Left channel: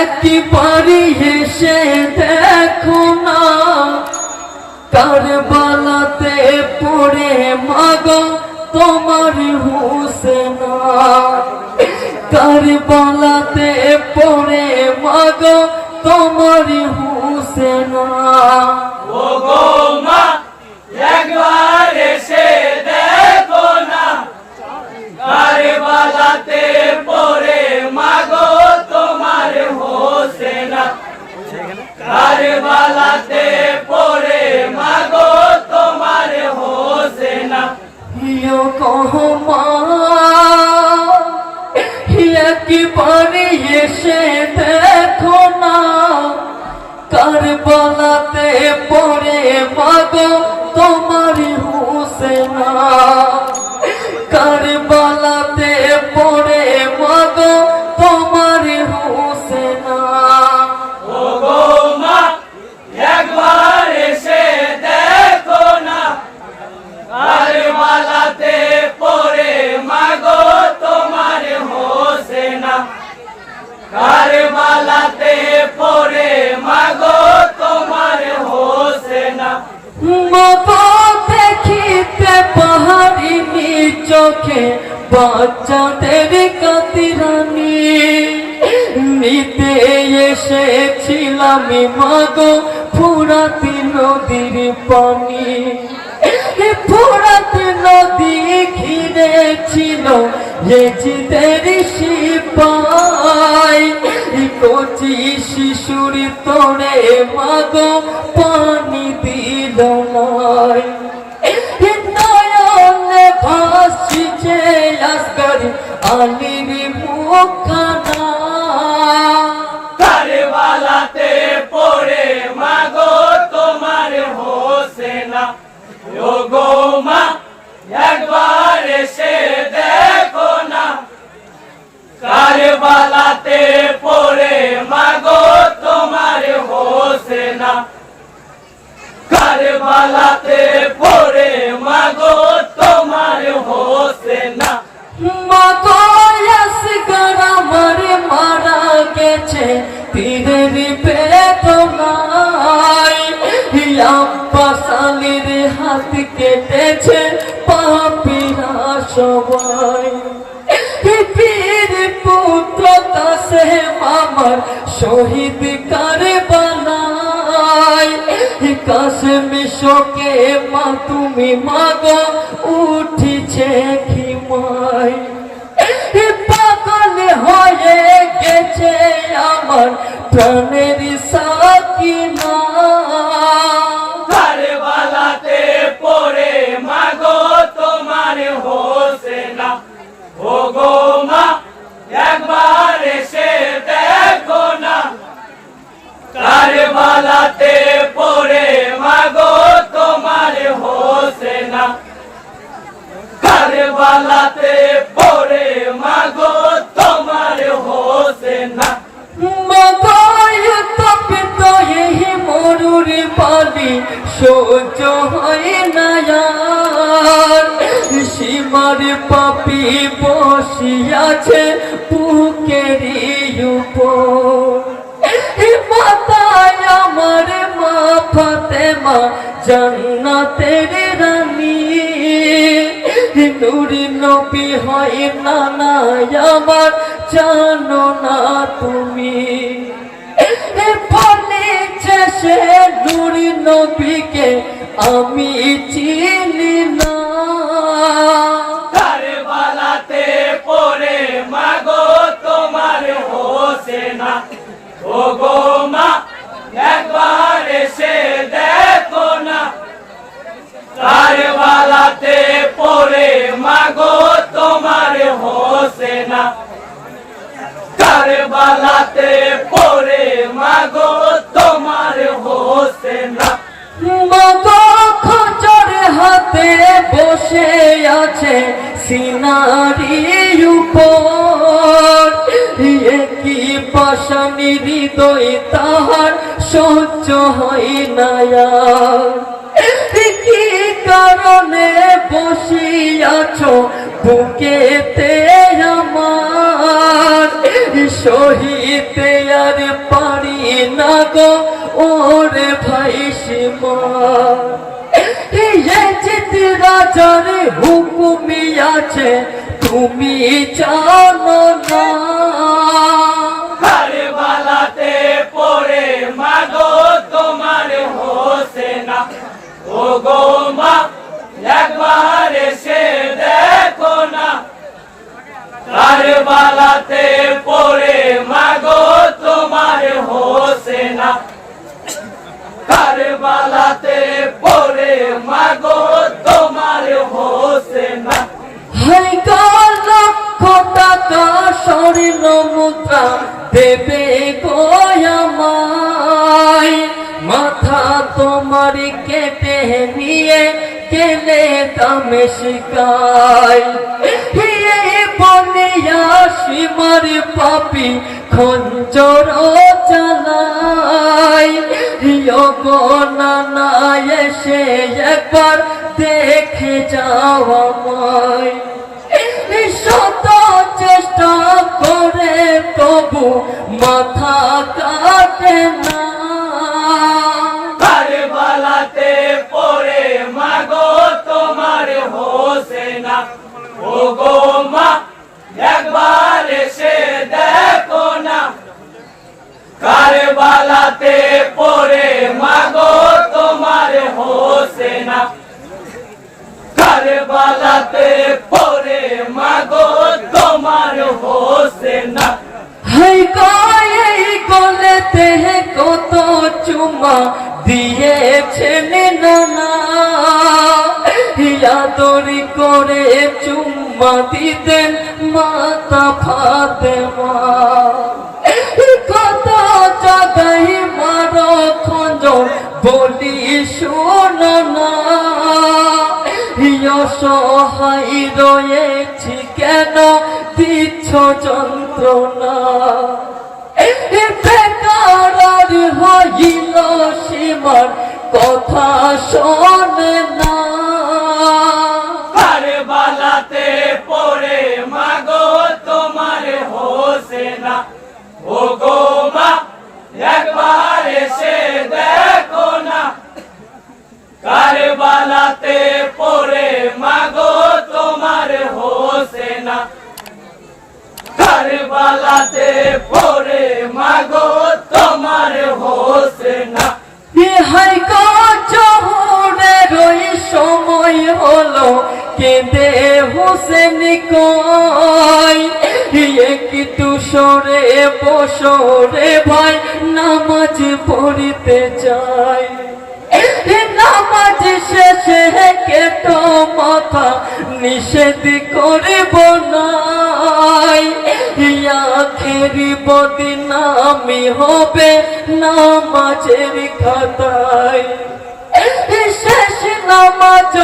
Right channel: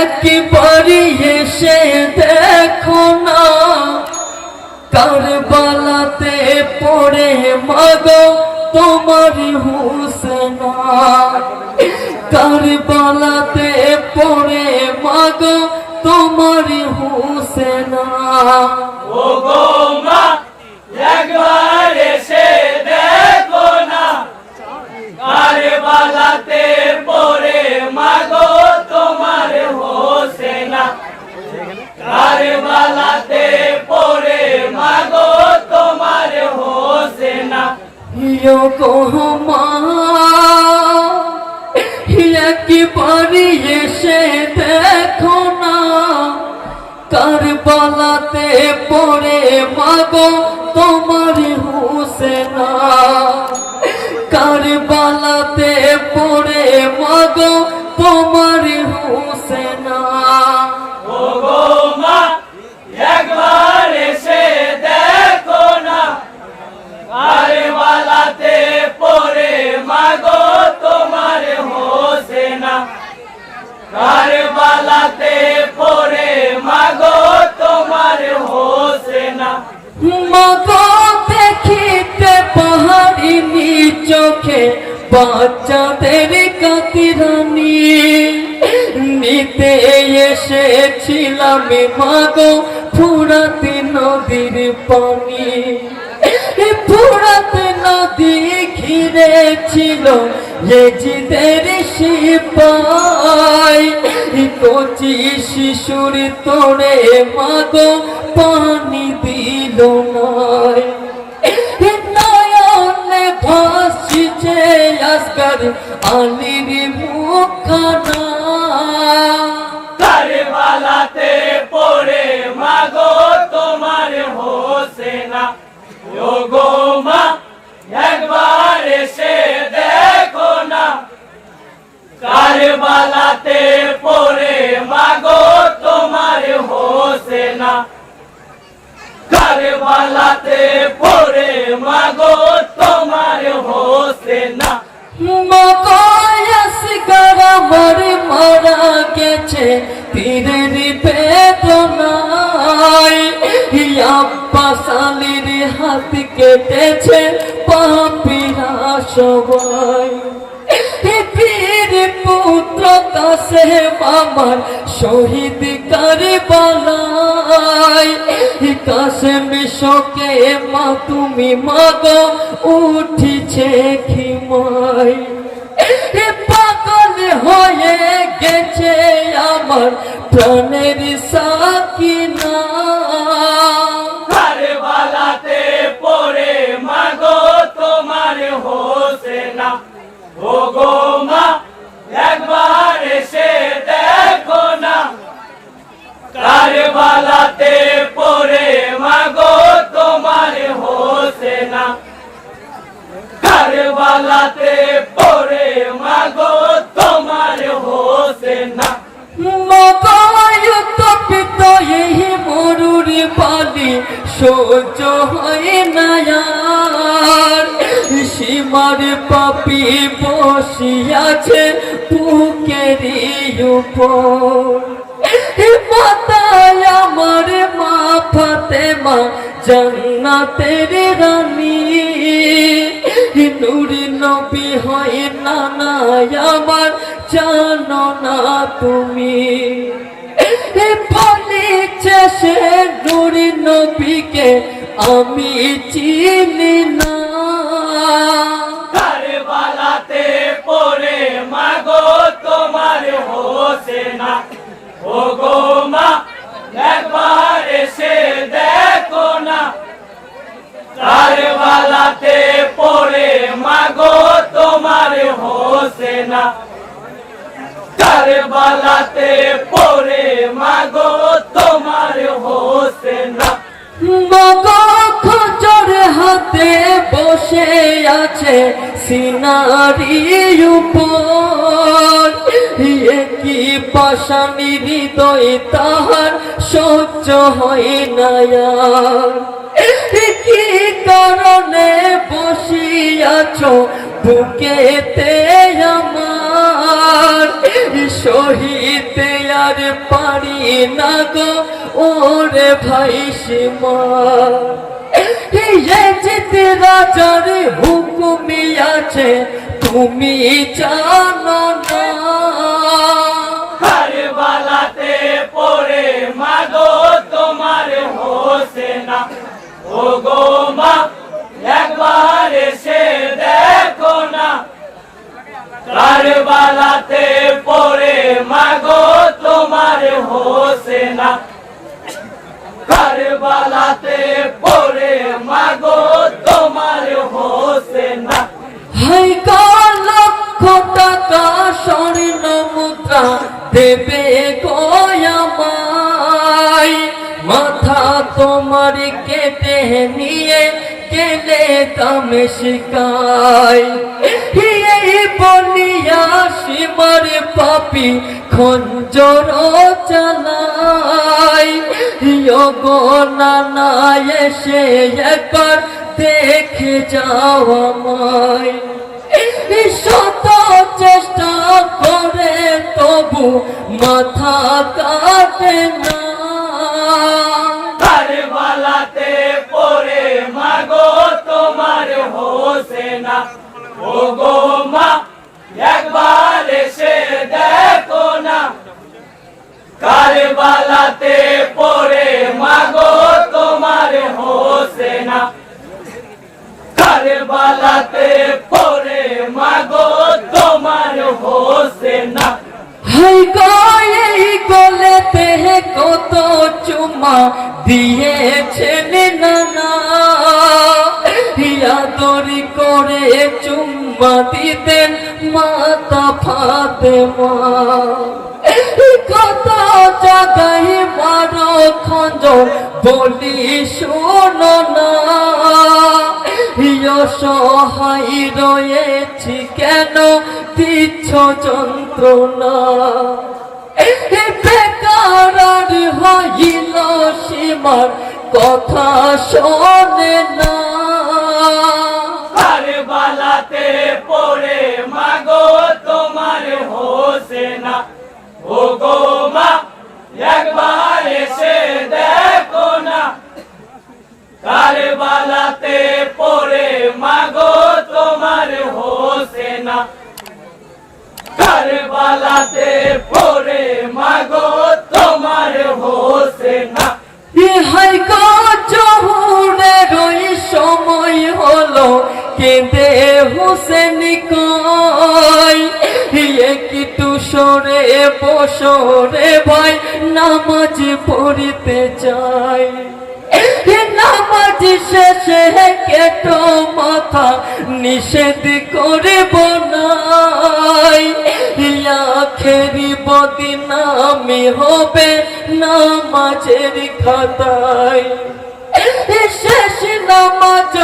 একবারই এসে দেখো না। কারবালাতে পড়ে মাগো তোমার হুসেনা। কারবালাতে পড়ে মাগো তোমার হুসেনা। কারবালাতে পড়ে, মাগো তোমার হোসেনা। ইয়ো কহমা একবারে এসে দেখো না। কারবালাতে পড়ে, মাগো তোমার হুসেনা। নিতে এসেছিলাম মাগো ফুরাত নদীর পানি। ফুরাত নদী ঘিরে ছিল এজিদের সিপাই। কচি শিশুর তোরে মাগো পানি দিল নয়নে ভাসিছে আলির মুখখানা। হোসেনা ও গো মা, একবার এসে দেখো না। কারবালাতে পড়ে, মাগো তোমার হোসেনা। কারবালাতে পড়ে, মাগো তোমার হোসেনা। মাগয়াস কেটেছে পাপিরা সবাই। পীর পুত্র কাছে আমার শহীদ করে বলাই কাশেম শোকে মা, তুমি মাগো, উঠিছে খিমাই। পাগল হয়ে গেছে আমার প্রাণের সাকিনা। হোসেনা। ও গো মা, একবার এসে দেখো না। কারবালাতে পড়ে মাগো তোমার হোসেনা। কারবালাতে পড়ে মাগো তোমার হোসেনা। সহ্য হয় না। সীমার পাপি বসিয়াছে বুকের মাতায় আমার মা ফাতেমা জান্নাতের রানী। নুরি নবী হয় নানা আমার, জানো না তুমি। বলেছে সে নুরি নবীকে আমি চিনি। তোমার হোসেনা ও গো মা, একবার এসে দেখো না। কারবালাতে পড়ে মাগো তোমার হোসেনা কারবালাতে পড়ে মাগো তোমার মাগো খোঁজর হাতে বসে আছে সিনারি উপর। পাশানি হৃদয় তাহার সহ্য হয় না কি কারণে বসিয়াছ বুকেতে সহিতে আর পারি না গো, ওরে ভাই সীমা। রাজার হুকুমি আছে, তুমি জানো না। ও গো মা একবার এসে দেখো না। কারবালাতে পড়ে মাগো তোমার হোসেনা। কারবালাতে নিয়ে কেলে দামে শিকাই। এই বনিয়া সীমার পাপি খঞ্জর চালাই গো নানা এসে একবার দেখে যাও আমায়। শত চেষ্টা করে তবু মাথা ও গো মা, একবার এসে দেখো না। কারবালাতে পড়ে, মাগো তোমার হোসেনা কারবালাতে পড়ে, মাগো তোমার হোসেনা হাই গায়ে গলেতে কত চুমা দিয়েছেন করে চুম্মা দিতেন মাতা ফাতেমা। কত জাগাই মারো খঞ্জ বলি শোন না। সহায় রয়েছি কেন দিচ্ছ যন্ত্রণা? বেকার হইল সীমার কথা শোনে না। কারবালাতে পড়ে মাগো তোমার হোসেনা। ও গো মা, একবার এসে দেখো না। কারবালাতে পড়ে মাগো তোমার হোসেনা। কারবালাতে পড়ে মাগো তোমার হোসেনা। ইহাই সরে বসরে ভাই, নামাজ পড়িতে চাই। নামাজ শেষে কেটো মাথা নিষেধ করে বনাই আখেরি বদিনামি হবে নামাজের খাতায়। শেষ নামাজ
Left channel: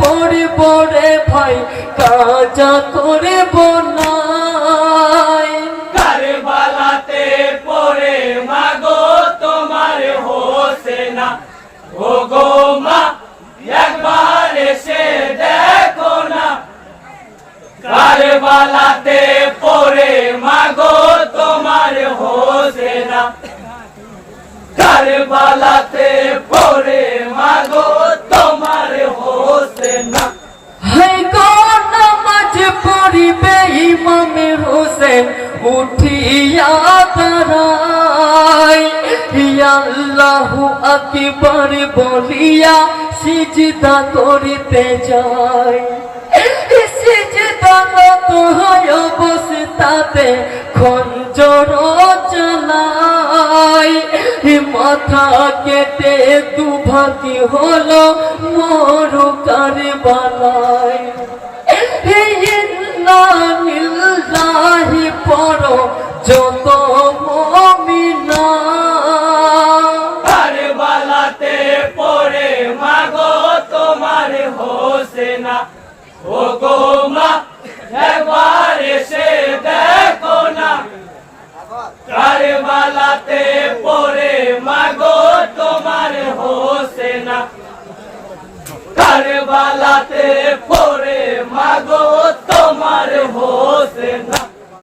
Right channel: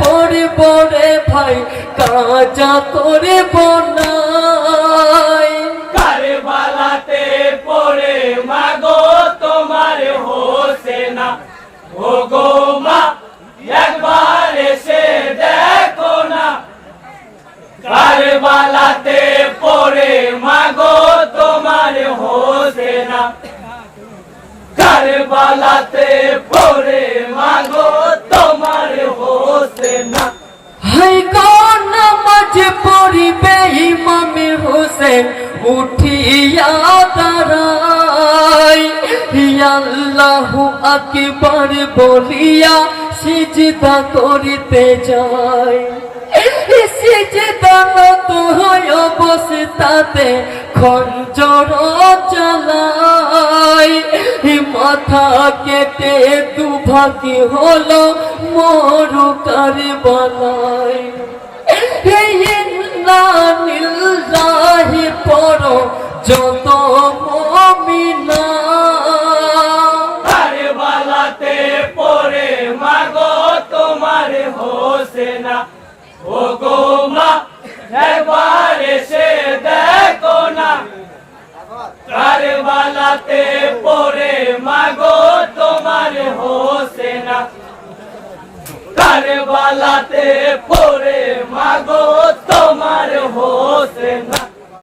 পড়িব রে ভাই, কাজা করে বনাই কারবালাতে পড়ে, মাগো তোমার হোসেনা। ও গো মা, একবার এসে দেখো না। কারবালাতে পড়ে, মাগো তোমার হোসেনা। কারবালাতে পড়ে, মাগো তোমার হোসেনা। হাই গো নামাজ পড়িবে ইমাম হোসেন উঠিয়া দাঁড়াই। আল্লাহু আকবার বলিয়া সিজদা করিতে যায় সিজদা নত খঞ্জর দুভাগি হলো মরুকার বালাই নিল্লাহি পর যত মমিনা। কারবালাতে পড়ে মাগো তোমার হোসেনা। ও গো মা, একবার দেখো না। কারবালাতে পড়ে তোমার হোসেনা। কারবালাতে মাগো তোমার হোসেনা।